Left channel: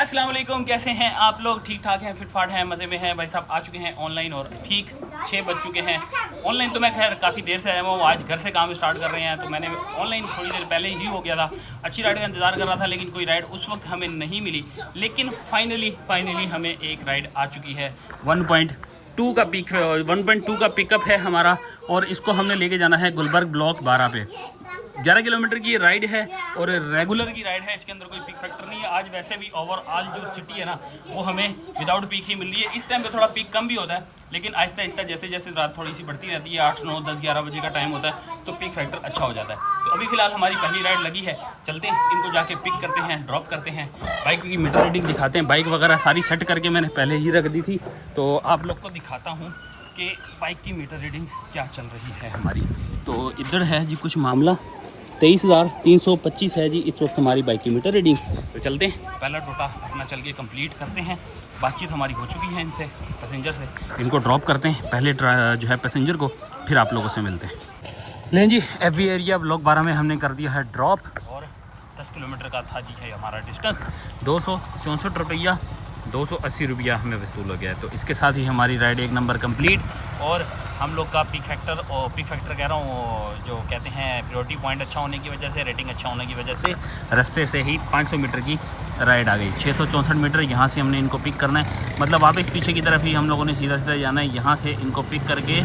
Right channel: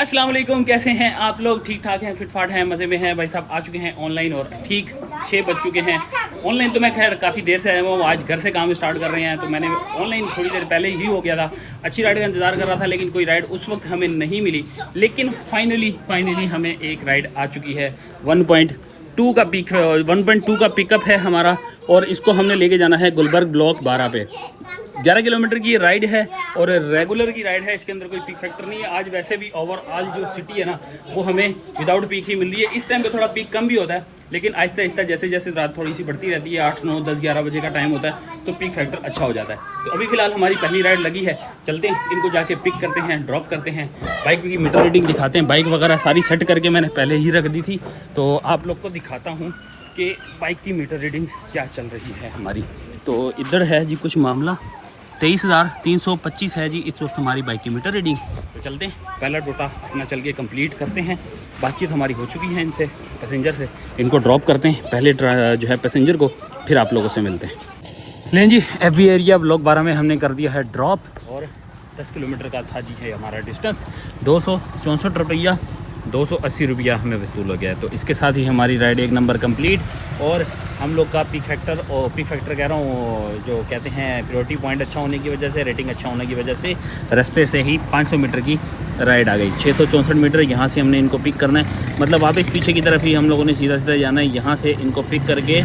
अस्सलाम वालेकुम, कैसे हैं आप लोग? ठीक ठाक हैं, फिटफाट हैं, मज़े में हैं। भाई साहब आ चुके हैं ऑनलाइन और ठीक 6 बज चुके हैं। ऑनलाइन तो मैं खैर काफ़ी देर से आया हूँ, आज घर से काम स्टार्ट कर रहे हैं, तो मैंने ऑनलाइन थोड़ी देर पहले ही हो गया था। अच्छी राइड का इंतज़ार कर रहा था लेकिन कोई राइड उस वक्त हमें नहीं मिली। लेकिन फाइनली हमें एक राइड आ चुकी है। 1.2 का पिक 1.2 का पिकअप है हमारा और इसको हमने लेके जाना है गुलबर्ग ब्लॉक 12 पे। 11 किलोमीटर की राइड है और रेगुलर की राइड है, इसके अंदर कोई पीक फैक्टर नहीं है। आज वैसे भी ओवरऑल जो सिटी है ना वो हमें विदाउट पीक ही मिल रही है। इस टाइम पे थोड़ा पीक कम भी होता है लेकिन आहिस्ता आहिस्ता जैसे जैसे रात थोड़ी सी बढ़ती रहती है, 8, 9, 10, 11 बजे का टाइम होता है तो पीक फैक्टर अच्छा हो जाता है। तो अभी फिलहाल हमारी पहली राइड लगी है, चलते हैं इनको जाके पिक करते हैं, ड्रॉप करते हैं, बाइक की मीटर रीडिंग दिखाते हैं। बाइक वगैरह सारी सेट करके मैंने पहले ही रख दी थी, तो आप लोग को दिखाता हूँ कि बाइक की मीटर रीडिंग क्या चल रही है हमारी। तो इधर है जी कुछ मामला, 23,325 है जी इस वक्त हमारी बाइक की मीटर रीडिंग। तो चलते हैं, पहला टोटा अपना चल के कंप्लीट करते हैं। बातचीत हमारी हो चुकी है इनसे, पैसेंजर से, इनको ड्रॉप करते हैं पहले जो है पैसेंजर को, फिर आप लोगों से मिलते हैं। लें जी, FB एरिया ब्लॉक 12 में हमने कर दिया है ड्रॉप और 10 किलोमीटर का था जी है हमारा डिस्टेंस। 264 रुपया 280 रुपया हमें वसूल हो गया है। तो इसके साथ ही हमारी राइड एक नंबर कंप्लीट और हम लोग का पीक फैक्टर कह रहा हूँ, जो कहते हैं प्रायोरिटी पॉइंट अच्छा होने की वजह से, रेटिंग अच्छा होने की वजह से रास्ते से ही 500 मीटर की राइड आ गई। 664 मीटर यहाँ से हमने इनको पिक करना है, मतलब वापस पीछे की तरफ ही हम लोगों ने सीधा सीधा जाना है। यहाँ से इनको पिक करके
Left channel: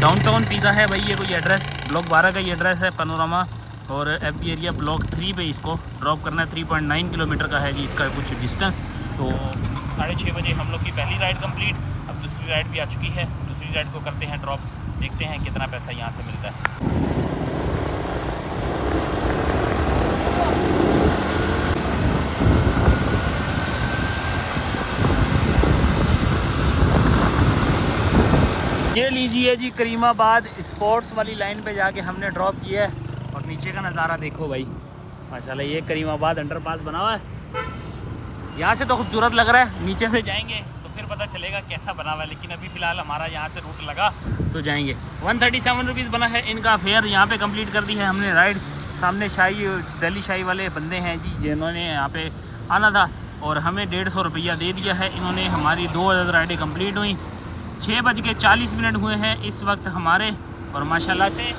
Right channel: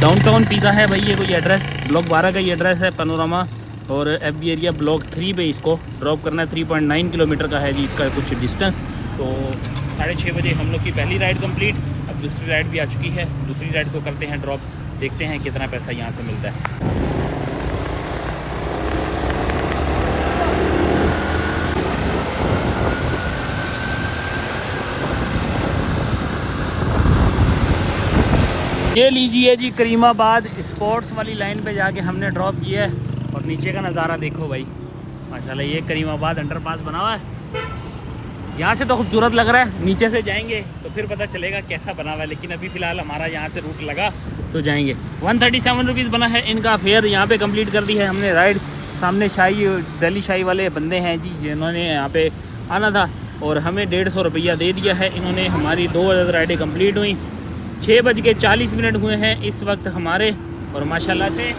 डाउनटाउन पीका है भाई, ये कोई एड्रेस ब्लॉक 12 का ही एड्रेस है, पैनोरामा, और FB एरिया ब्लॉक 3 पे इसको ड्रॉप करना है। 3.9 किलोमीटर का है जी इसका कुछ डिस्टेंस। तो 6:30 बजे हम लोग की पहली राइड कंप्लीट। अब दूसरी राइड भी आ चुकी है, दूसरी राइड को करते हैं ड्रॉप, देखते हैं कितना पैसा यहाँ से मिलता है। ये लीजिए जी, करीमाबाद स्पोर्ट्स वाली लाइन पे जाके हमने ड्रॉप किया है और नीचे का नज़ारा देखो भाई माशाल्लाह। ये करीमाबाद अंडरपास बना हुआ है, यहाँ से तो खूबसूरत लग रहा है, नीचे से जाएंगे तो फिर पता चलेगा कैसा बना हुआ है। लेकिन अभी फ़िलहाल हमारा यहाँ से रूट लगा तो जाएंगे। 137 रुपीज़ बना है इनका फेयर। यहाँ पे कंप्लीट कर दी है हमने राइड। सामने दिल्ली शाही वाले बंदे हैं जी जिन्होंने यहाँ पे आना था और हमें 150 रुपया दे दिया है इन्होंने। हमारी 2 राइडें कम्प्लीट हुई, 6:40 हुए हैं इस वक्त हमारे, और माशाल्लाह से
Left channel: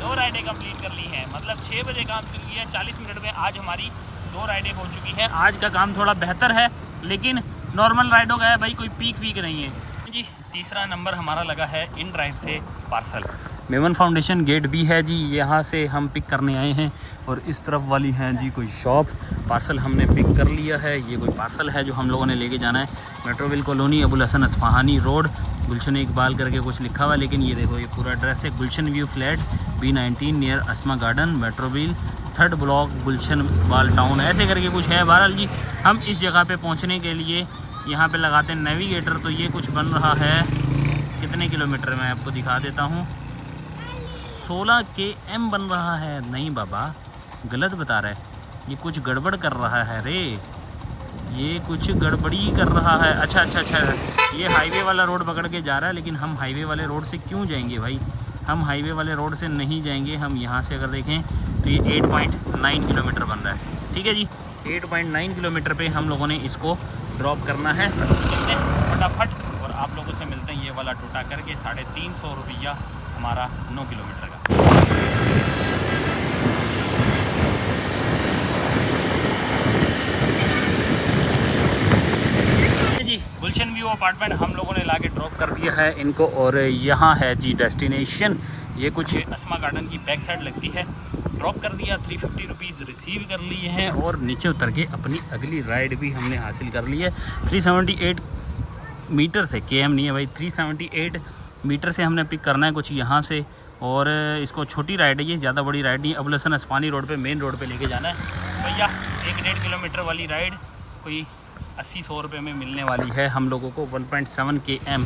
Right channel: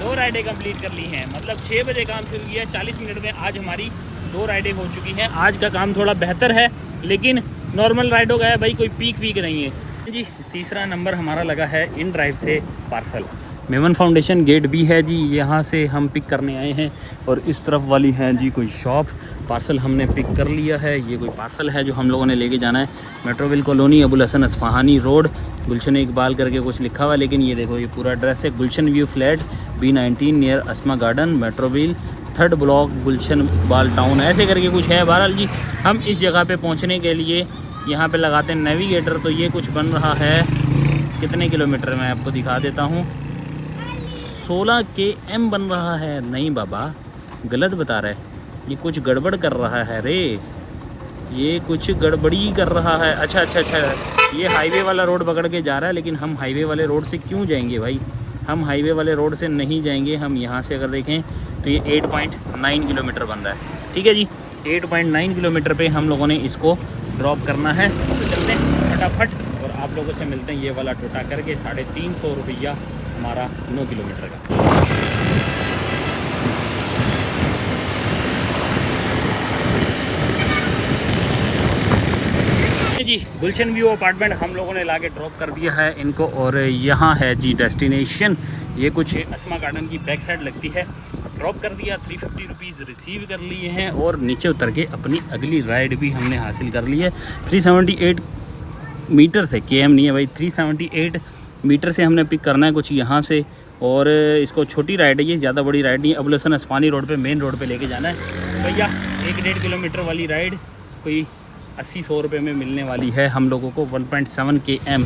2 राइडें कंप्लीट कर ली हैं। मतलब 6 बजे काम शुरू किया, 40 मिनट में आज हमारी 2 राइडें हो चुकी हैं। आज का काम थोड़ा बेहतर है लेकिन नॉर्मल राइडों का है भाई, कोई पीक वीक नहीं है जी। तीसरा नंबर हमारा लगा है इन ड्राइव से पार्सल। मेमन फाउंडेशन गेट भी है जी, यहाँ से हम पिक करने आए हैं। और इस तरफ वाली है जी कोई शॉप, पार्सल हमने पिक कर लिया है। ये कोई पार्सल है जो हम लोगों ने लेके जाना है। Metroville colony, Abul Hasan Isfahani road, Gulshan Iqbal करके कुछ लिखा हुआ है, लेकिन ये देखो ये पूरा एड्रेस है। गुलशन व्यू फ्लैट B19 नियर अस्मा गार्डन, मेट्रोविल 3rd ब्लॉक, गुलशन इकबाल टाउन, ऐसे करके कुछ है। बहरहाल जी हम इस जगह पे पहुंचने के लिए यहाँ पे लगाते हैं नेविगेटर। तो ये कुछ बन रहा है, कितने किलोमीटर मैं आपको दिखा देता हूँ, 16 km बन रहा है। नहीं बाबा गलत बता रहा है, ये कुछ गड़बड़ कर रहा है रे, ये कुछ गड़बड़ी कर रहा है। अच्छा, ये हाईवे वाला रोड पकड़ के जा रहा है, लेकिन हम हाईवे वाले रोड से क्यों जाएंगे भाई, हम हाईवे वाले रोड से नहीं जाएंगे। हम यहाँ से अगर देखें तो ये 8.9 किलोमीटर बन रहा है। ठीक है जी, 8.9 किलोमीटर पे हम लोगों ने इसको ड्रॉप करना है। तो चलते हैं फटाफट और आप लोगों से मिलते हैं ये वाला टोटा करके। 350 रुपया हमारा 9 किलोमीटर का। जी गुलशन व्यू अपार्टमेंट हम लोगों ने लाके ड्रॉप कर दिया है इनको, और यहाँ है जी डेस्टिनेशन। ये कुछ अस्मा गार्डन की बैक साइड लगती है। ड्रॉप कर दिया, 350 रुपीज़ रिसीव कर लिए हैं और नीचे उतर के अपनी अगली राइड भी हमने हासिल कर ली है। 378 मीटर से, KM नहीं है भाई, 378 मीटर से हमने पिक करना है कुछ यहाँ से। और इसको छोटी राइड है ये, ज़्यादा बड़ी राइड नहीं है। अबुल हसन अस्फहानी रोड पे, मेन रोड पे लेके जाना है भैया। 1.5 किलोमीटर वाली राइड कोई 80-100 रुपये में मिलने वाली है हम लोगों को। 1.7 km।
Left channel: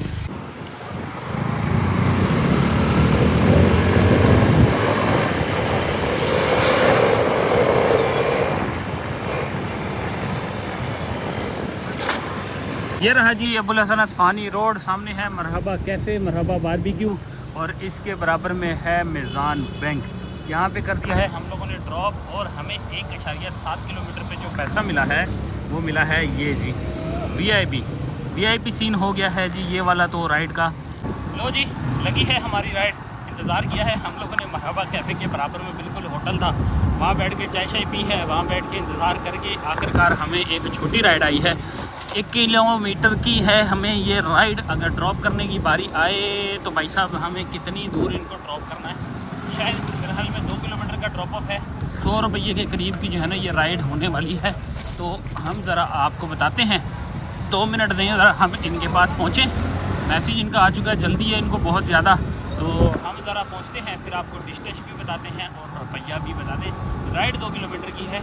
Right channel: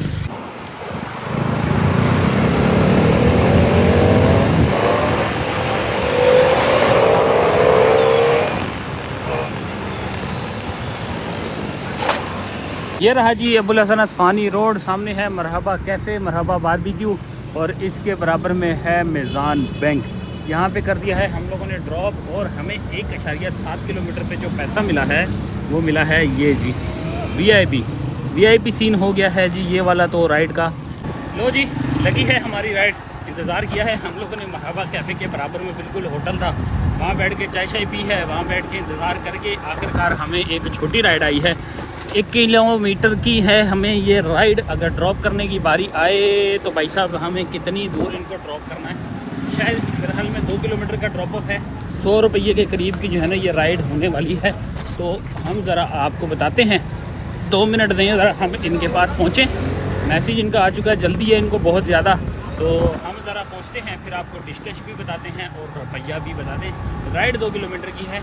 ये रहा जी अबुल हसन अस्फहानी रोड, सामने है मरहबा कैफ़े, मरहबा बारबेक्यू, और इसके बराबर में है मेज़ान बैंक। यहाँ पे कर दिया है हम लोगों ने ड्रॉप और हमें 1.7 किलोमीटर पे जो पैसा मिला है वो मिला है ये जी वीआईपी सीन हो गया है जी ये वाला तो राइड का। लो जी लगी है हमारी राइड, इंतज़ार किया है हम लोगों ने। मरहबा कैफ़े के बराबर में बिल्कुल होटल था, वहाँ बैठ के चाय शाय पी है, वहाँ बैठ के इंतज़ार करके आखिरकार हमें एक छोटी राइड आई है। 1 किलोमीटर की है हमें ये राइड। अगर ड्रॉप करने की बारी आए तो भाई साहब हमें कितनी दूर इनको ड्रॉप करना है, शायद फिलहाल में 2 किलोमीटर का ड्रॉप ऑफ है। 100 रुपये के करीब की जो है ना ये राइड होने वाली है। तो हम ज़रा आपको बताते हैं, 2 मिनट दें ज़रा हम इनके पास पहुँचें। मैसेज इनका आ चुका है, जल्दी है इनको बहुत ज़्यादा। तो हम ज़रा पहुँचते हैं, फिर आपको डिस्टेंस भी बताते हैं और रुपया भी बता दें। राइड 2 किलोमीटर की है,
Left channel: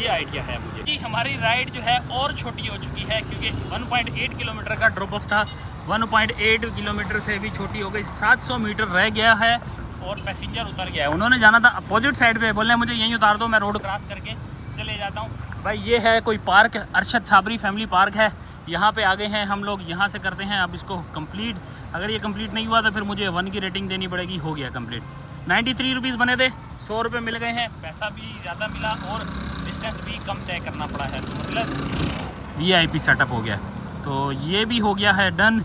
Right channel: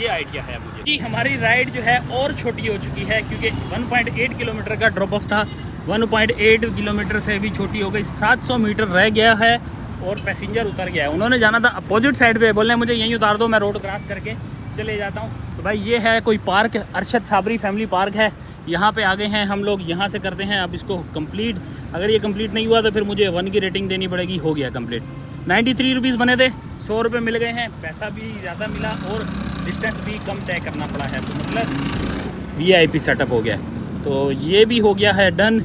ये आइडिया है मुझे कि हमारी राइड जो है और छोटी हो चुकी है, क्योंकि 1.8 किलोमीटर का ड्रॉप ऑफ था, 1.8 किलोमीटर से भी छोटी हो गई। 700 मीटर रह गया है और पैसेंजर उतर गया है। उन्होंने जाना था अपोजिट साइड पे, बोल रहे हैं मुझे यहीं उतार दो, मैं रोड क्रॉस करके चले जाता हूँ। तो भाई ये है कोई park, Arshad Sabri family park है, यहाँ पे आ गए हैं हम लोग। यहाँ से करते हैं अब इसको कंप्लीट। अगर ये कंप्लीट नहीं हुआ तो फिर मुझे 1 की रेटिंग देनी पड़ेगी। हो गया कंप्लीट। 93 रुपीज़ बने थे, 100 रुपये मिल गए हैं, पैसा भी ज़्यादा मिला और डिस्टेंस भी कम तय करना पड़ा है। तो मतलब VIP सेटअप हो गया। तो ये भी हो गया है डन।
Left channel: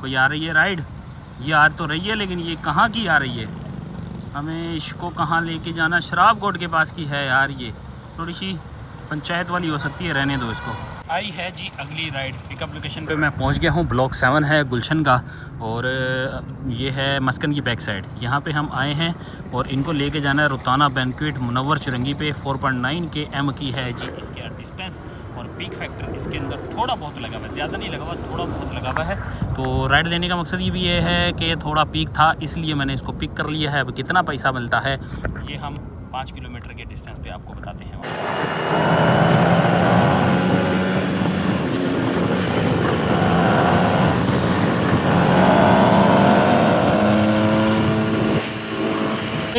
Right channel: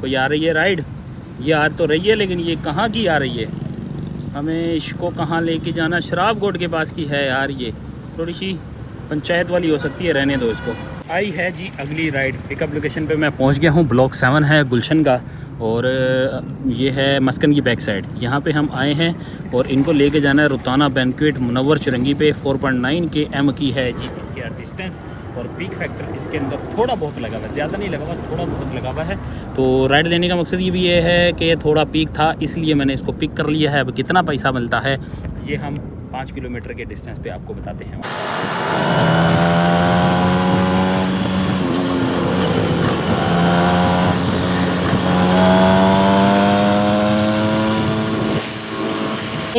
कोई आ रही है राइड, ये आ तो रही है लेकिन ये कहाँ की आ रही है, हमें इसको कहाँ लेके जाना? शराब गोट के पास की है यार, ये थोड़ी सी पंचायत वाली हो सकती है, रहने दो इसको। आई है जी अगली राइड। पिकअप लोकेशन पे मैं पहुंच गया हूं। ब्लॉक 7 है गुलशन का और ये है मस्कन की बैक साइड। यहां पे हम आए हैं और इनको लेके जाना है रुताना बैंक्वेट मुनव्वर चुरंगी पे। 4.9 km की है जी इसके डिस्टेंस और पीक फैक्टर इसके अंदर थोड़ा बहुत लगा हुआ है, ज़्यादा नहीं लगा हुआ, थोड़ा बहुत लगा हुआ है। तो राइड देने का मकसद ये भी ये है कि थोड़ा पीक था इसलिए मैंने इसको पिक कर लिया है। अब कितना पैसा मिलता है ये हम 5 किलोमीटर के डिस्टेंस पे आपको बताते हैं।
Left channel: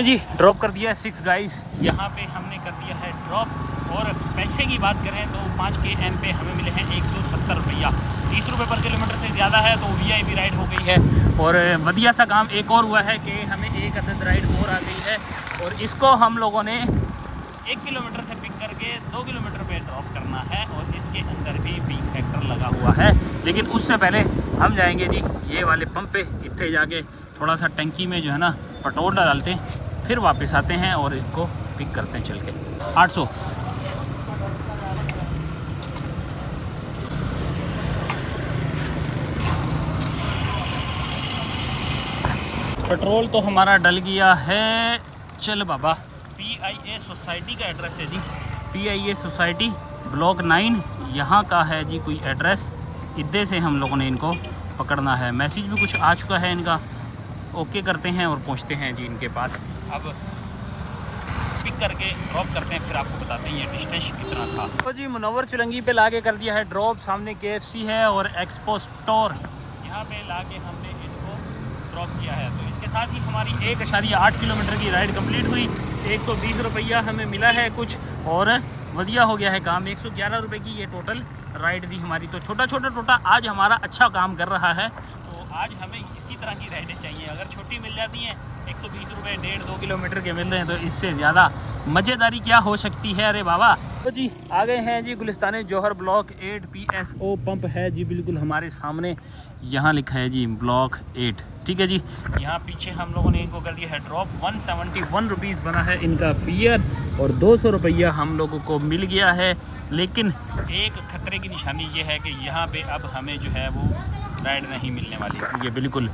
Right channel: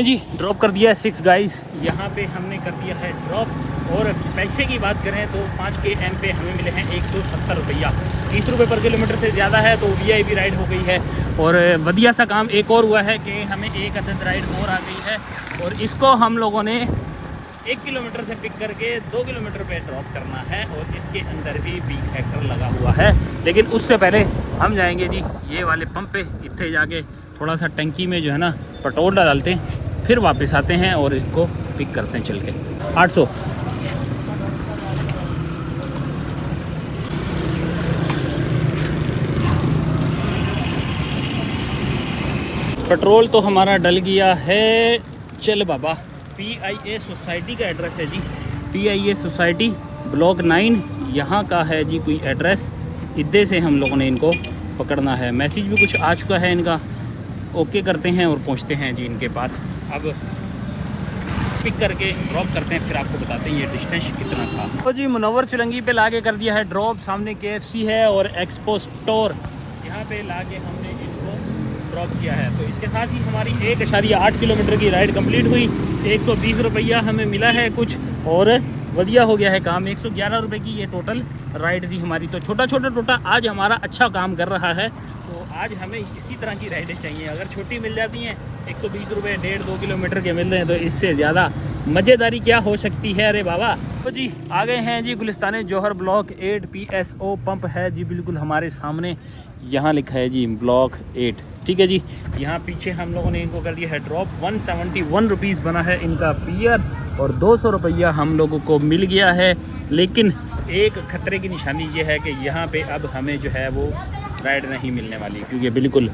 जी ड्रॉप कर दिया है 6 गाइस, यहाँ पे हमने कर दिया है ड्रॉप। और पैसे की बात करें तो 5 km पे हमें मिले हैं 170 रुपया, 30 रुपये पर किलोमीटर से ज़्यादा है। तो VIP राइड हो गई है। और बढ़िया सा काम एक और हुआ है कि हमें एक अदद राइड और आ गई है और इसको हम लोगों ने 1 किलोमीटर से पिक करके 2 किलोमीटर पे ड्रॉप करना है और इसके अंदर भी पीक फैक्टर लगा हुआ है। लेकिन उससे पहले हम जाएंगे जी ये वाले पंप पे, इतने जाके थोड़ा सा टंकी में जो है ना पेट्रोल डालते हैं, फिर वापस आते हैं और इसको पिक करते हैं चल के। 800 पेट्रोल तो हमारा डल गया है। चल बाबा, PIA सोसाइटी का एड्रेस है जी, PIA सोसाइटी ब्लॉक 9 यहाँ का है जी कोई एड्रेस। इधर से हम लोगों ने इनको पकड़ना है। मैसेज भी कुछ आ चुका है इनका, ओके करते हैं और पहुँचते हैं जी इनके पास। अब पिक करके ड्रॉप करते हैं, फिर आपको बताते हैं ये डिस्टेंस कितना था। तो जी मुनव्वर चुरंगी पे लाके कर दिया है ड्रॉप। सामने KFC है और एक्सपो स्टोर, यहाँ पे लाके हमने इनको ड्रॉप किया है। तो इसके साथ ही हमारी 1.8 किलोमीटर की राइड कंप्लीट हुई। 120 रुपया हमें मिला है कुछ और बढ़िया हो गया है काम। 111 रुपये की ये टोटल राइड थी हमारी। तो छोटा छोटा आज हमारा अच्छा काम कर रहा है। तो आज हमें इसी तरह की राइडें चाहिए। अगर छोटी मिल जाती हैं 120 रुपये 1.5-2 किलोमीटर के मिल रहे हैं तो इससे ज़्यादा मज़ेदारी क्या हो सकती है। अरे बाबा, तो जी आ गए हैं जी गुलिस्तान जौहर ब्लॉक 8 PSO पंप है जी बिल्कुल हमारे सामने। यहाँ लिखा है जी ब्लॉक 8, ठीक है जी। यहाँ पीछे हम लोगों ने इनको कर दिया है ड्रॉप। 171 रुपीज़ बना है इनका बियर और 200 रुपया हम लोगों को मिल गया है। लेकिन एक खतरे की निशानी ये है कि यहाँ पे अब हमें जो है वो राइड नहीं मिलने वाली, क्योंकि बिल्कुल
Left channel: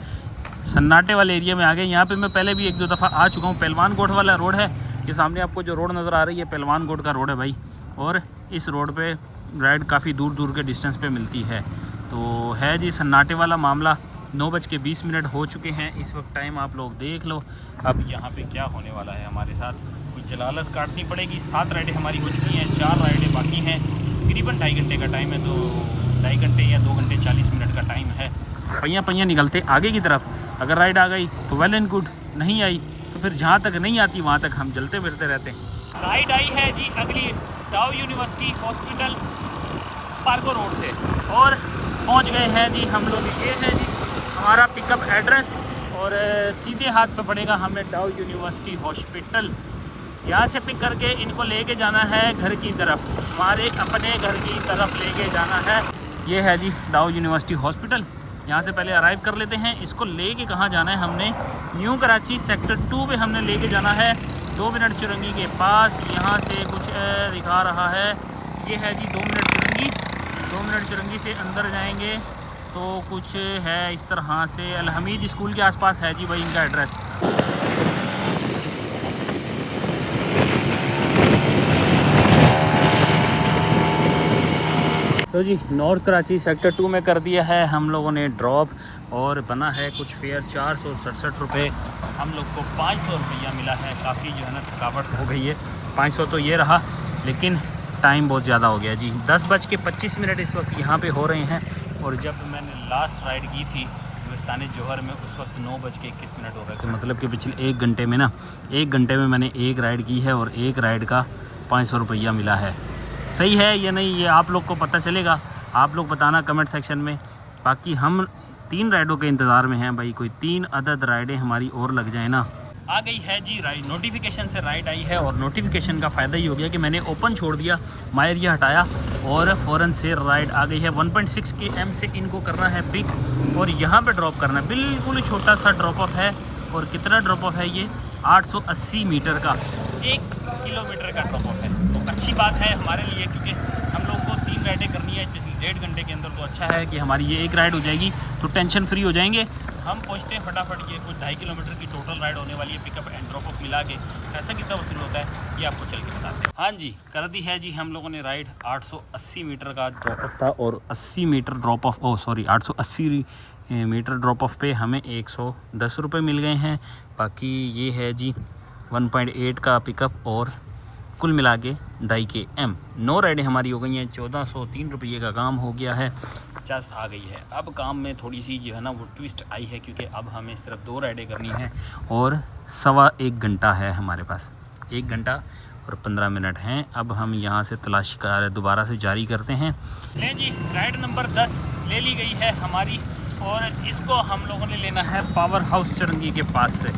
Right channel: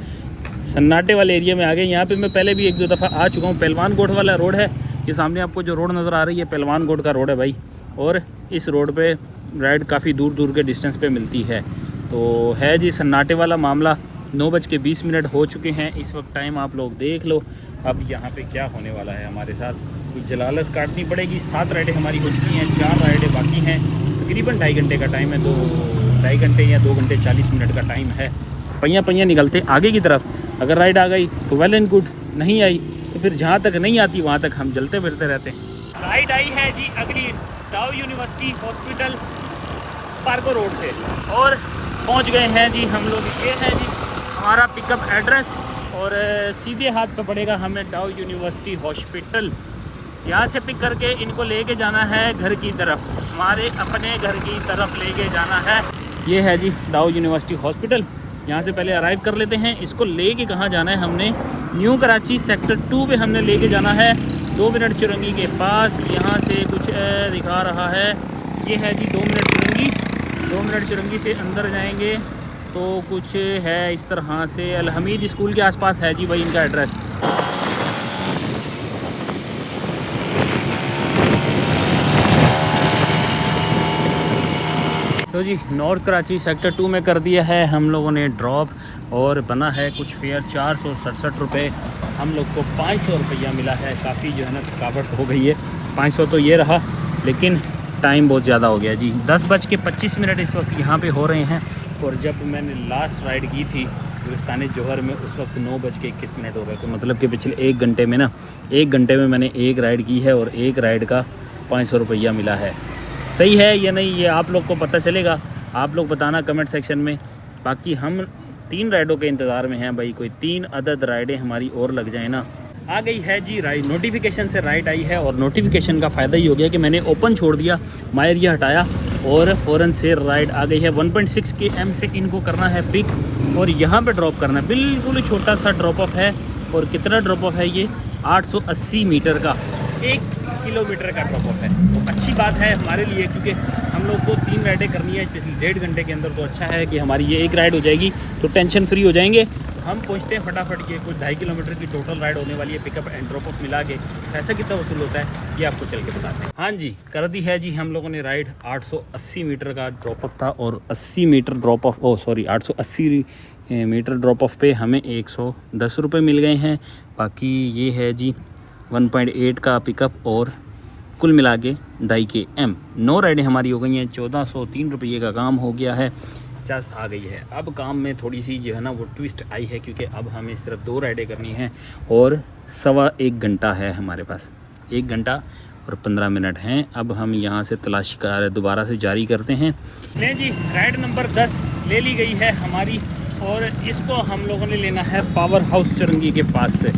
सन्नाटे वाले एरिया में आ गए। यहाँ पे मैं पहले भी 1-2 दफ़ा आ चुका हूँ। पहलवान गोट वाला रोड है, ये सामने आपको जो रोड नज़र आ रही है पहलवान गोट का रोड है भाई। और इस रोड पे राइड काफ़ी दूर दूर के डिस्टेंस पे मिलती है। तो है जी सन्नाटे वाला मामला। 9:20 हो चुके हैं इस वक्त टाइम, आप लोग देख लो। अब यहाँ पे क्या होने वाला है हमारे साथ, कुछ जलालत काटनी पड़ेगी। 7 राइडें हमारी हो चुकी हैं, 4 राइडें बाकी हैं। तकरीबन 2.5 घंटे का टाइम है, तो 2.5 घंटे या 2 घंटे 40 मिनट का टाइम है। पहिया निकलते आगे की तरफ। अगर राइड आ गई तो वेल एंड गुड, नहीं आई तो फिर जहाँ तक नहीं आती वहाँ तक हम चलते फिरते रहते हैं। राइड आई है जी अगली डाउ यूनिवर्सिटी हॉस्पिटल पार्को रोड से और पहुँच गए हैं जी हम लोग। ये है जी हमारा पिकअप एड्रेस और सीधे हाथ तो पड़ेगा हमें डाउ यूनिवर्सिटी हॉस्पिटल। यहाँ से पिक करके इनको लेके जाना है घर की तरफ, हमारे अपने घर की तरफ लेके जाना है। ये है जी दाऊ यूनिवर्सिटी हॉस्पिटल। यहाँ से पहले अराइव कर लेते हैं। इसको लेके कहाँ जाना है, हमने न्यू कराची सेक्टर 2 पे हमने लेके जाना है, 2 मिनट चुरंगी के पास। यहाँ से कुछ दिखा रहा है, ये है जी 2 मिनट चुरंगी। 2 मिनट चुरंगी से अंदर जाएंगे तो कुछ है इस तरह से, अल हमीद स्कूल के आसपास है जी भाई इनका एड्रेस। तो जी नॉर्थ कराची सेक्टर 2 में कर दिया है हम लोगों ने ड्रॉप, और बना है कुछ फेयर 467 रुपये। हम लोग को 500 रुपया मिला है। काफ़ी जो है ना थकावट हो गई है। 500 तो ये रहा, लेकिन टाइम बहुत ज़्यादा हो गया जी। 10:25 इस वक्त यहाँ पे हो रहे हैं, और जब मैंने लास्ट राइड की थी गुलिस्तान जौहर में उस वक्त 9:21 हो रहे थे। मतलब कि पिछले 1 घंटे में ना, 1 घंटे में मैंने एक राइड की है और एक राइड का 500 रुपया मिला है। सही है या नहीं, ये आप लोग को पता चलेगा, आप लोग बताना कमेंट सेक्शन में। बाकी हम 3 राइडों के इंतज़ार में हैं भाई, कोई 3 अदद राइडें हमारी और लग जाए ना। आ गई है जी राइड, नोटिफिकेशन से राइड आई है, और नोटिफिकेशन का फ़ायदा ही हो गया कि मैंने ओपन छोड़ दिया, माई एरिया हटाया और फ़ौरन से राइड आ गई है। 1.6 km से इनको करना है पिक और यहाँ पे ड्रॉप करना है। बिल्कुल छोटा सा ड्रॉप ऑफ है, और कितना ड्रॉप ऑफ है ये, 880 मीटर का, 1 किलोमीटर का ड्रॉप ऑफ है। तो अच्छी बात है हमारे लिए, क्योंकि हम लोग को 3 राइडें करनी है 1.5 घंटे के अंदर। तो अच्छा है कि हमारी ये एक राइड हो जाएगी तो टेंशन फ्री हो जाएंगे। तो हम पहुंचते हैं फटाफट के, कुछ 2.5 किलोमीटर की टोटल राइड होने वाली है। पिकअप एंड ड्रॉप ऑफ मिला के पैसा कितना वसूल होता है ये आपको चल के बताते हैं। हाँ जी, कर दी है जी हम लोगों ने राइड। 880 मीटर का ड्रॉप ऑफ था, और 80 metre drop off 880 metre drop off पे हमें 110 रुपये मिल गए हैं। बाकी ये है जी 1.8 का पिकअप, और कुल मिला के 2.5 km। 9 राइडें हमारी हो गई हैं। 1403 रुपये का काम हो गया है, 50 आ गई है। अब काम में थोड़ी सी जो है ना वो ट्विस्ट आई है, क्योंकि अब हमें सिर्फ 2 राइडें करनी हैं, और 1.25 घंटा है हमारे पास। 1 घंटा और 15 मिनट हैं। अब हम यहाँ से तलाशी कार्य दोबारा से जारी करते हैं। नहीं जी, राइड नंबर 10 ले ली गई है हमारी, और इसको हम लोगों ने लेना है पावर हाउस चुरंगी के पास से।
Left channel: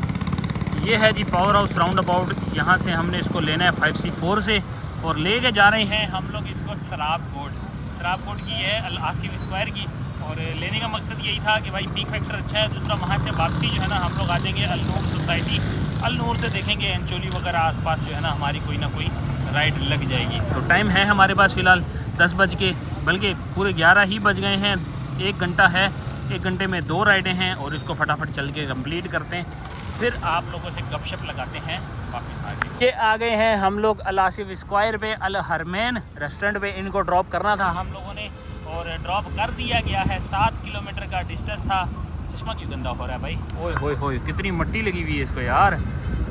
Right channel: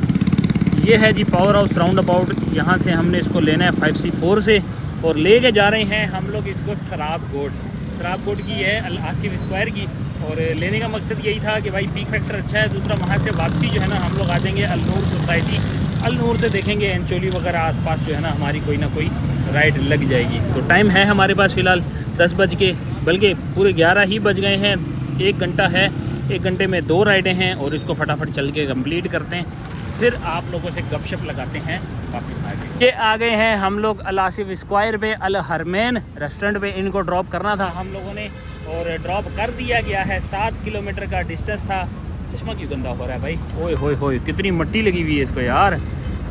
ये है जी पावर हाउस राउंड अबाउट, यहाँ से हमने इसको लेना है 5C4 से, और लेके जा रहे हैं हम लोग इसको सराबकोट की है, अल आसिफ स्क्वायर की। और लेने का मकसद यही था कि भाई पीक फैक्टर अच्छा है, दूसरा वहाँ से वापसी जो है ना हम लोग आ जाएंगे अल नूर सोसाइटी, अल नूर से देखेंगे एंचोली वगैरह आसपास जो है ना हमारी कोई ना कोई राइड लग जाएगी। तो टाइम है हमारे पास फ़िलहाल 10 बज के, बल्कि पूरे 11 ही बज गए हैं। 1 घंटा है, 1 घंटे में 2 राइडें हैं, और इसको फटाफट चल के कम्प्लीट करते हैं, फिर आप लोगों से गपशप लगाते हैं वापस आगे। ये आ गए हैं हम लोग अल आसिफ स्क्वायर पे, अल हरमैन रेस्टोरेंट पे। इनको ड्रॉप करना था हम लोगों ने, और ड्रॉप कर दिया गया है। 7 किलोमीटर का डिस्टेंस था। चश्मा क्यों गंदा हो रहा है भाई, ओए होए होए, कितनी मट्टी लगी हुई है इसको यार,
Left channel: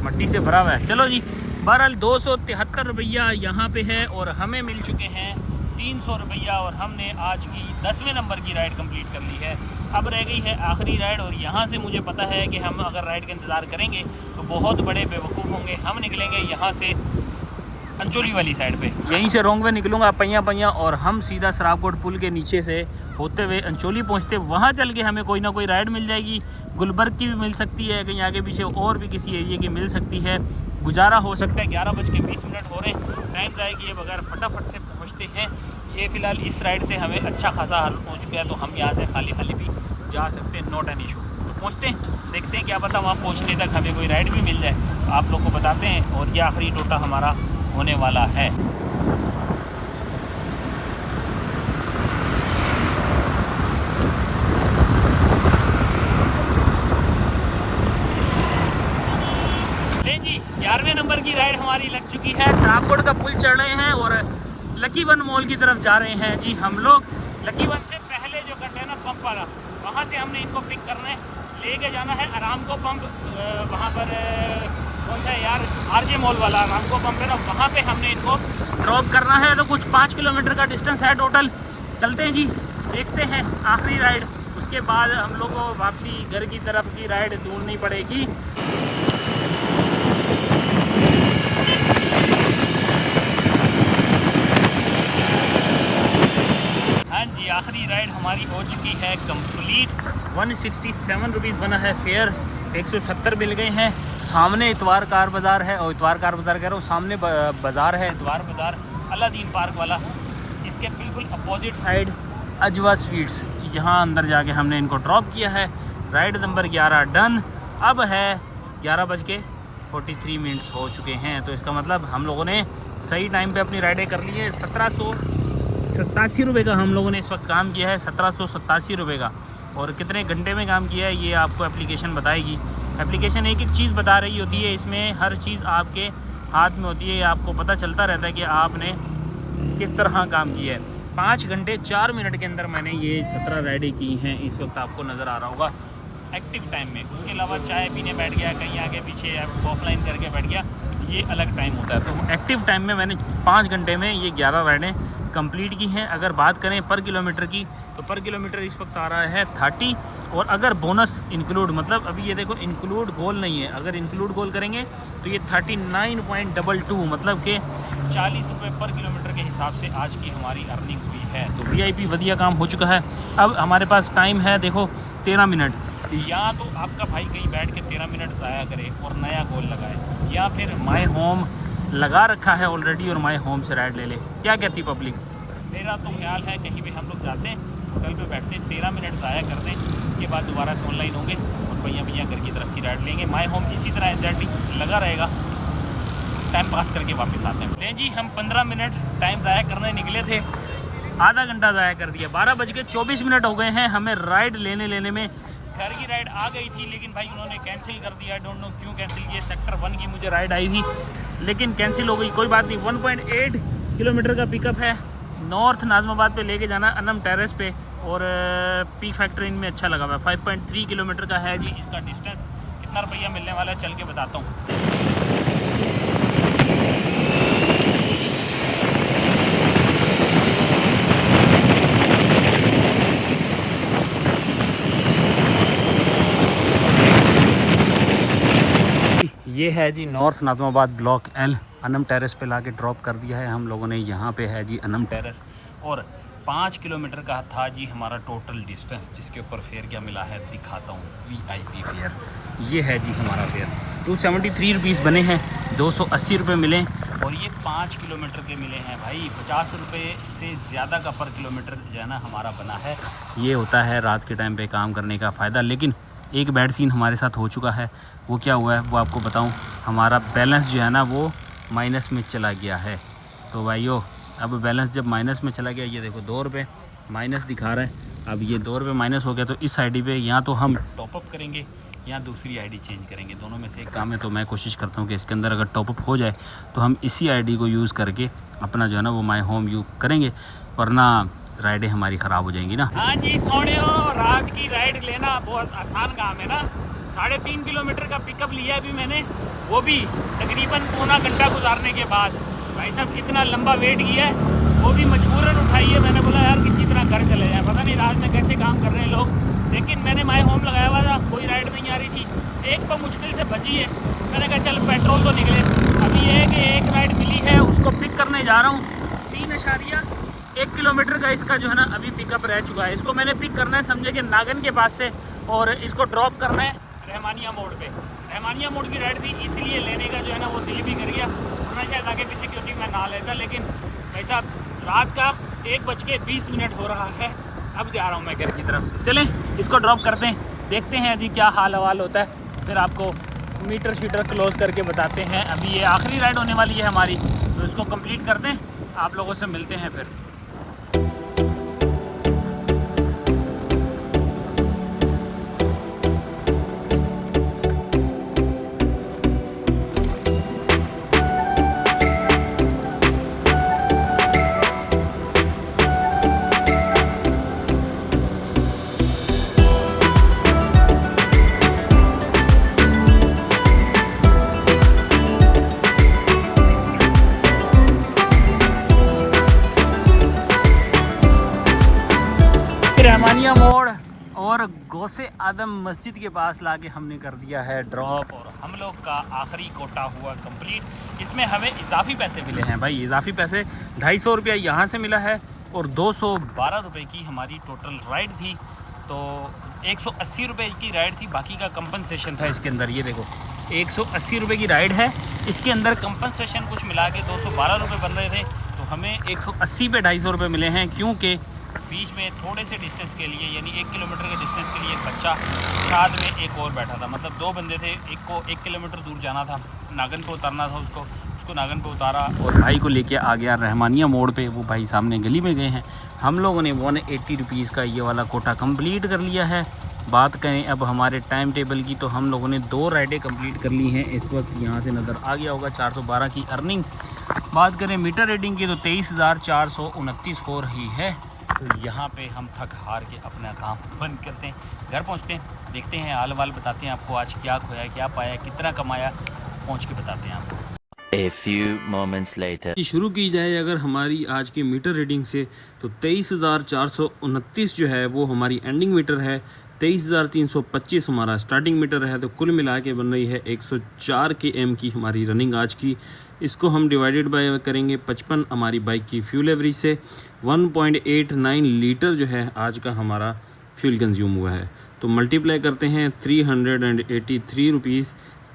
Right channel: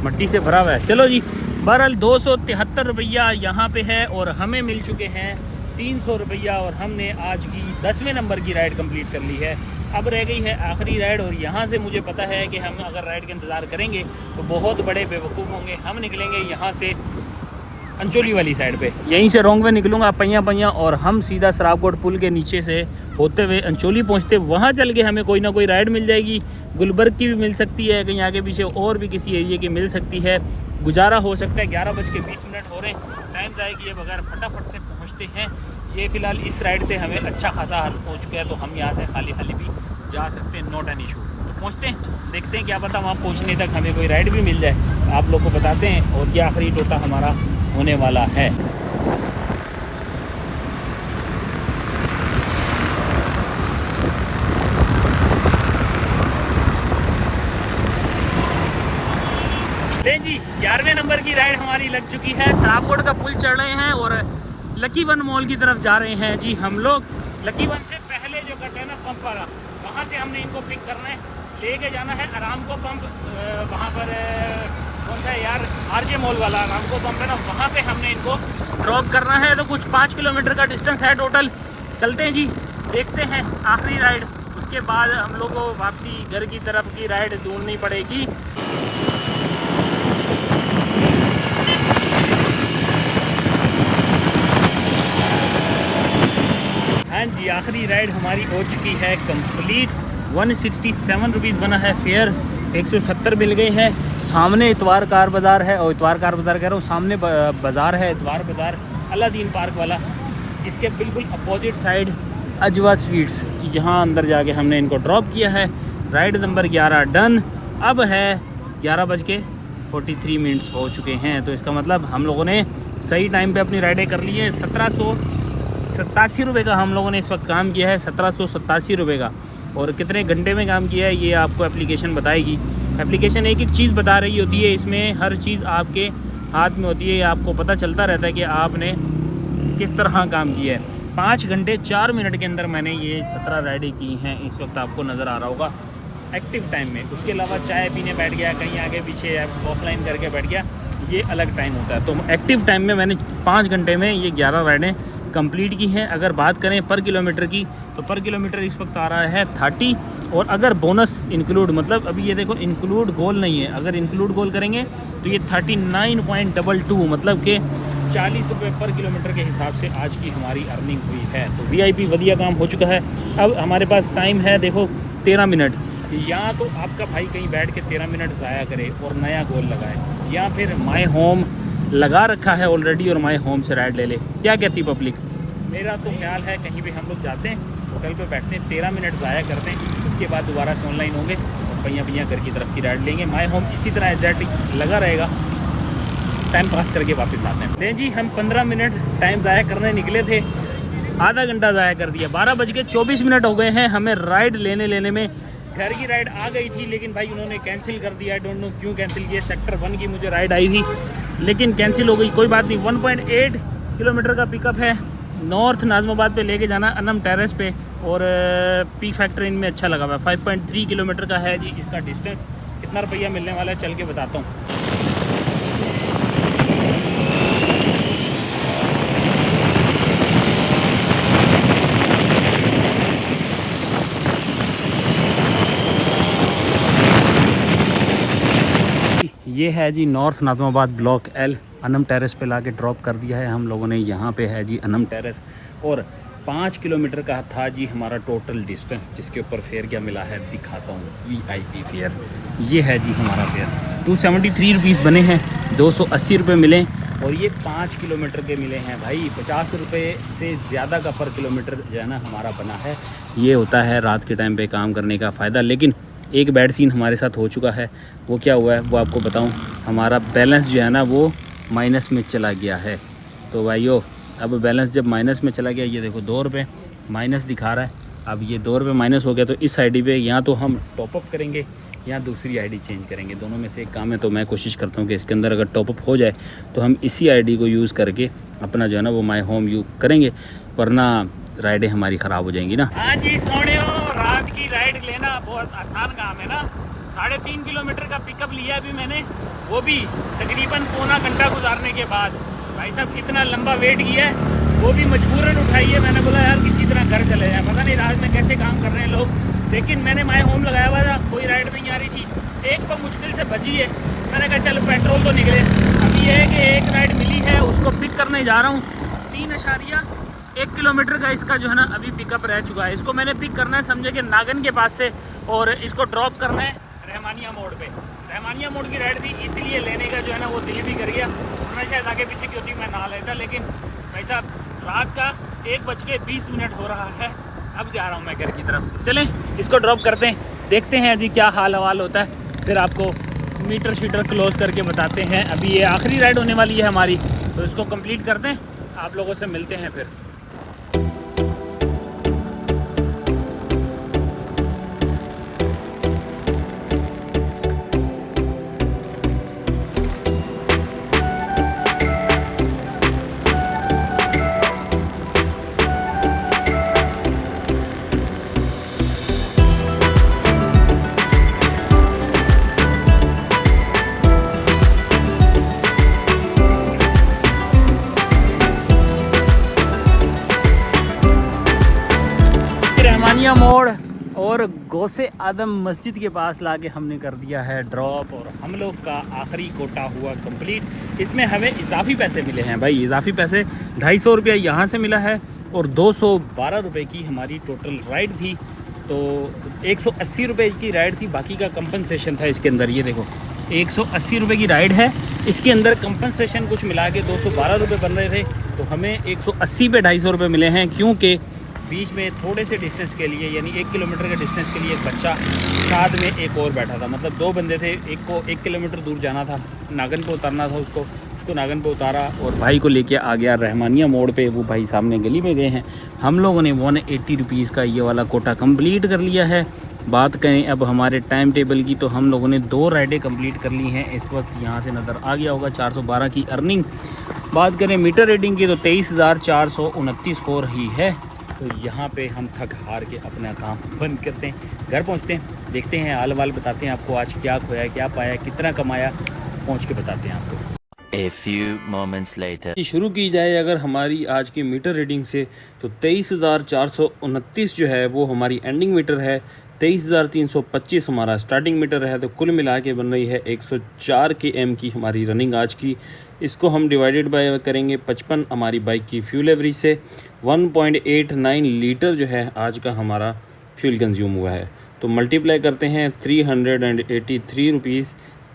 मट्टी से भरा हुआ है। चलो जी, बहरहाल 273 रुपया यहाँ पे है, और हमें मिल चुके हैं 300 रुपया, और हमने आज की 10वें नंबर की राइड कंप्लीट कर ली है। अब रह गई है आखिरी राइड, और यहाँ से मुझे पता है कि हम अगर राइड का इंतज़ार करेंगे तो बहुत बड़े बेवकूफ़ होंगे। हम निकलेंगे यहाँ से अंचोली वाली साइड पे, यहीं से रोंग वे निकलूँगा पैया, और हम सीधा सराबकोट पुल के नीचे से होते हुए अंचोली पहुँचते, वहाँ चल के हमें कोई ना कोई राइड मिल जाएगी। गुलबर्ग की भी मिल सकती है, कहीं आगे पीछे और भी किसी एरिए की मिल सकती है। गुजारा हो सकता है। 11:20 हो रहे हैं, टाइम ज़ाया किए बगैर फटाफट से पहुँचते हैं। ये फ़िलहाल इस राइड से हमें अच्छा खासा हल हो चुका है, तो हम यहाँ से खाली भी जा सकते हैं, नॉट एन इशू। तो पहुँचते हैं, देखते हैं, क्या पता वहाँ पहुँचने तक हमें कोई राइड भी मिल जाए। आप लोग को बताते हैं, और ये आखिरी टोटा हमारा होने वाला है। जी 11वें नंबर की राइड हमारी लग चुकी है। सराबकोट का पुल चढ़ रहे हैं, और लकी वन मॉल की तरफ जा रहे हैं जी हम लोग। लकी वन से पहले जो कहते हैं ना पंप वाला, वहाँ से हमने इनको पिक करना है, लेके जाना है आरामको पंप। वहाँ पर कौन सा है यार, आरजे मॉल वाला आरामको पंप है ना, वहाँ पे हमने इनको ड्रॉप करना है। तो कुछ 5 किलोमीटर का डिस्टेंस है टोटल। चलते हैं जी, देखते हैं आखिरी राइड, उसके बाद हम लोग को वापसी घर की तरफ की राइड ढूंढनी पड़ेगी। हाँ जी, आखिरी राइड हमारी हो चुकी है कंप्लीट। 167 रुपीज़ बना है फेयर, 170 मिल गए हैं। सामने इतवार कार बाज़ार है, और इतवार कार बाज़ार कह रहा हूँ, सामने बाज़ार है इतवार बाज़ार अलादीन पार्क वाला। इसके बिल्कुल अपोजिट साइड अजवा स्वीट्स, यहाँ अंदर जाके हमने इनको ड्रॉप किया है। Ride number 11 done. अब है 11:43 हो चुके हैं, तो इसका मतलब हम लोगों ने सही टाइम पे अपनी राइडें कर ली है। 1787 रुपये का हम लोगों ने इस वक्त काम किया है, 1787 रुपये का। और कितने घंटे में काम किया है ये आपको एप्लीकेशन बताएगी। एप्लीकेशन एक एक चीज़ बता रही होती है, इसमें हर चीज़ आपके हाथ में होती है, आपको पता चलता रहता है कि आपने किस तरह काम किया है। 5 घंटे 4 मिनट के अंदर मैंने ये 17 राइडें की हैं, इस वक्त आपको नज़र आ रहा होगा एक्टिव टाइम में। उसके अलावा चाय पीने बैठ गया, कहीं आगे पीछे ऑफलाइन करके बैठ गया, ये अलग टाइम होता है। तो एक्टिव टाइम में मैंने 5 घंटे में ये 11 राइडें कंप्लीट की हैं। अगर बात करें पर किलोमीटर की, तो पर किलोमीटर इस वक्त आ रहा है 30। और अगर बोनस इंक्लूड, मतलब अभी ये देखो इंक्लूड गोल नहीं है, अगर इंक्लूड गोल करेंगे तो ये 39.22, मतलब कि 40 रुपये पर किलोमीटर के हिसाब से आज की हमारी अर्निंग हुई है। तो वीआईपी बढ़िया काम हो चुका है। अब हमारे पास टाइम है देखो 13 मिनट, या तो आपका भाई कहीं बैठ के 13 मिनट ज़ाया करे और नया गोल लगाए, या फिर माय होम लगा रखा है ऑलरेडी और माय होम से राइड ले ले। क्या कहती पब्लिक? मेरा तो ख्याल है कहीं भी हम लोग जाते हैं, होटल पे बैठते हैं, 13 मिनट ज़ाया करते हैं, उसके बाद दोबारा से ऑनलाइन होंगे और भैया घर की तरफ की राइड लेंगे। माय होम इसी तरह एग्जैक्ट लगा रहेगा, टाइम पास करके वापस आते हैं। नहीं जी, हम 15 मिनट टाइम ज़ाया करने निकले थे, आधा घंटा ज़ाया कर दिया। 12:24 हो गए हैं। हमें राइड लेने में घर की राइड आ गई थी, लेकिन भाई उन्होंने कैंसिल कर दिया। आई डोंट नो क्यों कैंसिल किया। सेक्टर 1 की मुझे राइड आई थी, लेकिन कैंसिल हो गई। कोई बात नहीं। 1.8 किलोमीटर का पिकअप है, नॉर्थ नाज़िमाबाद पे लेके जाना, अनम टेरेस पे। और पी फैक्टर इनमें अच्छा लगा हुआ है। 5.3 किलोमीटर का है जी इसका डिस्टेंस। कितना रुपया मिलने वाला है चल के बताता हूँ। ये है जी north Nazimabad block L, Anam terrace पे लाके ड्रॉप कर दिया है हम लोगों ने। यहाँ पे है जी अनम टेरेस, और 5 किलोमीटर का था जी हमारा टोटल डिस्टेंस, जिसके ऊपर फेयर क्या मिला है दिखाता हूँ। VIP फेयर ये है जी हमारा फेयर। 273 रुपीज़ बने हैं, 280 रुपये मिले, और ये 5 किलोमीटर के मिले हैं भाई। 50 रुपये से ज़्यादा का पर किलोमीटर जो है ना हमारा बना है। ये होता है रात के टाइम पे काम करने का फ़ायदा। लेकिन एक बैड सीन हमारे साथ हो चुका है। वो क्या हुआ है वो आपको बताऊं। हमारा बैलेंस जो है ना वो माइनस में चला गया है। तो भाइयों, अब बैलेंस जब माइनस में चला गया, ये देखो 2 रुपये माइनस दिखा रहा है। अब ये 2 रुपये माइनस हो गया, तो इस आईडी पे या तो हम टॉपअप करेंगे या दूसरी आईडी चेंज करेंगे, दोनों में से एक काम है। तो मैं कोशिश करता हूँ कि इसके अंदर अगर टॉपअप हो जाए तो हम इसी आईडी को यूज़ करके अपना जो है ना वो माय होम यूज़ करेंगे, वरना राइडें हमारी ख़राब हो जाएंगी ना। हाँ जी सोनियो, रात की राइड लेना बहुत आसान काम है ना। 3.5 किलोमीटर का पिकअप लिया अभी मैंने, वो भी तकरीबन पौना घंटा गुजारने के बाद। भाई साहब इतना लंबा वेट किया है, वो भी मजबूरन उठाई है। मैंने बोला यार किसी तरह घर चले जाए, पता नहीं रात में कैसे काम कर रहे हैं लोग। लेकिन मैंने माय होम लगाया हुआ था, कोई राइड नहीं आ रही थी। एक तो मुश्किल से बची है, मैंने कहा चल पेट्रोल तो निकले। अब ये है कि एक राइड मिली है, उसको पिक करने जा रहा हूँ। 3.1 किलोमीटर का इसका जो है ना अभी पिकअप रह चुका है। इसको मैंने पिक करना है समझे कि नागन के पास से, और इसको ड्रॉप करना है रहमानिया मोड़ पे। रहमानिया मोड़ की राइड थी, इसीलिए लेने का जो है ना वो दिल भी कर गया, वरना शायद आगे पीछे की होती मैं ना लेता। लेकिन भाई साहब रात का 1:20 हो रहा है, अब जा रहा हूँ मैं घर की तरफ। चलें इसको ड्रॉप करते हैं, देखते हैं जी क्या हाल हवाल होता है, फिर आपको मीटर शीटर क्लोज करके बताते हैं। अभी ये आखिरी राइड होने वाली है हमारी, तो इसको कंप्लीट करते हैं, आप लोगों से मिलते हैं फिर। रहमानिया मोड़ और गौसे आदम मस्जिद के पास लाके हमने कर दिया है ड्रॉप, और हम लोग का आखिरी कोटा हुआ कंप्लीट। इसमें हमें इजाफी पैसे मिले हैं भाई, इजाफी पैसे 250 रुपया यहाँ से मिला है, और 212 रुपये की हमारी टोटल राइड थी। तो 180 रुपये की राइड थी, बाकी का कंपनसेशन था इसके अंदर। ये देखो 180 रुपये की राइड है, इसके अंदर कंपनसेशन कुछ मिला के 212 रुपये बन रहे थे। तो हमें 180 पे 250 रुपये मिले हैं, क्योंकि बीच में थोड़े से डिस्टेंस के लिए, यानी 1 किलोमीटर के डिस्टेंस के लिए एक बच्चा, साथ में एक और बैठा था। मतलब 2 बंदे थे, एक को 1 किलोमीटर दूर जाना था, नागन पे उतरना था उसको नागन पे उतारा और भाई को लेके आ गया रहमानिया मोड़ पे। वो भाई सामने गली में गए हैं। हम लोगों ने 180 रुपीज़ का ये वाला कोटा कंप्लीट कर लिया है। बात करें अब हमारे टाइम टेबल की, तो हम लोगों ने 2 राइडें कंप्लीट कर ली हैं। इस वक्त यहाँ से नज़र आ गया होगा 412 की अर्निंग। बात करें मीटर रीडिंग की, तो 23,429 हो रही है। तो यहाँ पे हम थक हार के अपना काम बंद करते हैं, घर पहुँचते हैं, देखते हैं हाल वाल, बताते हैं आपको आज क्या खोया, क्या पाया, कितना कमाया, पहुँच के बताते हैं आपको। A few moments later. शुरू की जाए अगर हमारी आज की मीटर रीडिंग से, तो 23,429 जो है वो हमारी एंडिंग मीटर है, 23,325 हमारा स्टार्टिंग मीटर है। तो कुल मिला के बन रही है 104 km की हमारी रनिंग आज की। इसको हम डिवाइडेड बाय करेंगे 55 हमारी बाइक की फ्यूल एवरेज से, 1.89 लीटर जो है आज का हमारा फ्यूल कंज्यूम हुआ है। तो मल्टीप्लाई करते हैं 383 रुपीज़,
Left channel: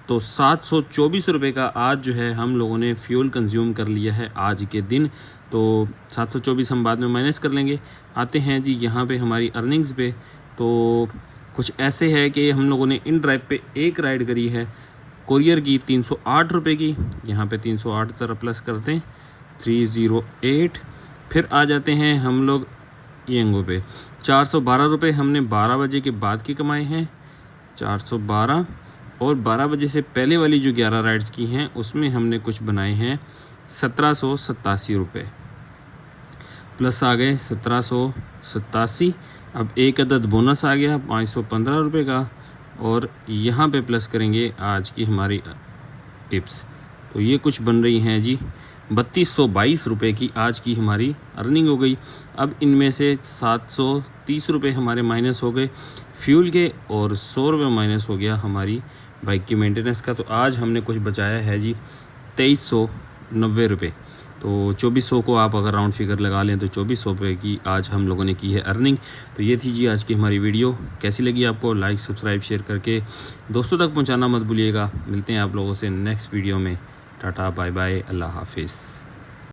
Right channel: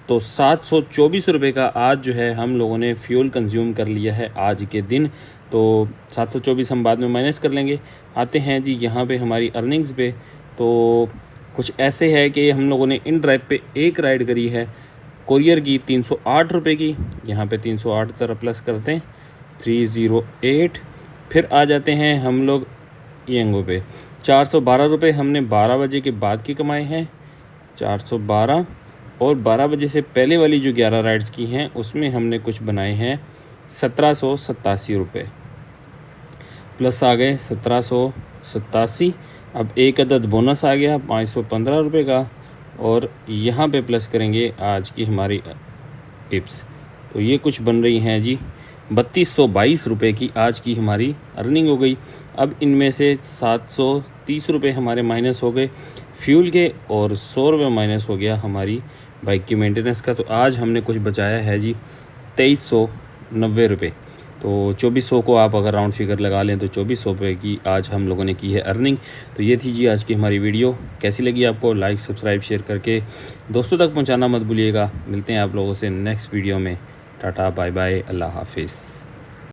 तो 724 रुपये का आज जो है हम लोगों ने फ्यूल कंज्यूम कर लिया है आज के दिन। तो 724 हम बाद में माइनस कर लेंगे। आते हैं जी यहाँ पे हमारी अर्निंग्स पे, तो कुछ ऐसे है कि हम लोगों ने इन ड्राइव पे एक राइड करी है कोरियर की 308 रुपये की। यहाँ पे 308 तरह प्लस करते हैं 308। फिर आ जाते हैं हम लोग यंगो पे, 412 रुपये हमने 12 बजे के बाद के कमाए हैं, 412। और 12 बजे से पहले वाली जो 11 राइड्स की हैं उसमें हमने कुछ बनाए हैं 1787 रुपये, प्लस आ गए 1787। अब एक अदद बोनस आ गया 515 रुपये का, और यहाँ पे प्लस करेंगे आज की हमारी टिप्स। तो ये कुछ बन रही हैं जी 3222 रुपये की आज की हमारी अर्निंग हो गई। अब इनमें से 730 रुपये हमारे माइनस हो गए फ्यूल के, और 100 रुपये माइनस हो गया हमारी बाइक की मेंटेनेंस का। तो आज हमने कुछ बचाया है जी 2390 रुपये। तो 2400 को आप अगर राउंड फिगर लगा लें तो 2400 रुपये की आज हम लोगों ने की है अर्निंग। तो ये थी जी आज की हमारी वीडियो। कैसी लगी आपको? लाइक सब्सक्राइब शेयर करके दोस्तों तक पहुंचाना मत भूलिएगा। मिलते हैं आप लोगों से नेक्स्ट वीडियो में। टाटा बाय बाय, अल्लाह हाफिज़।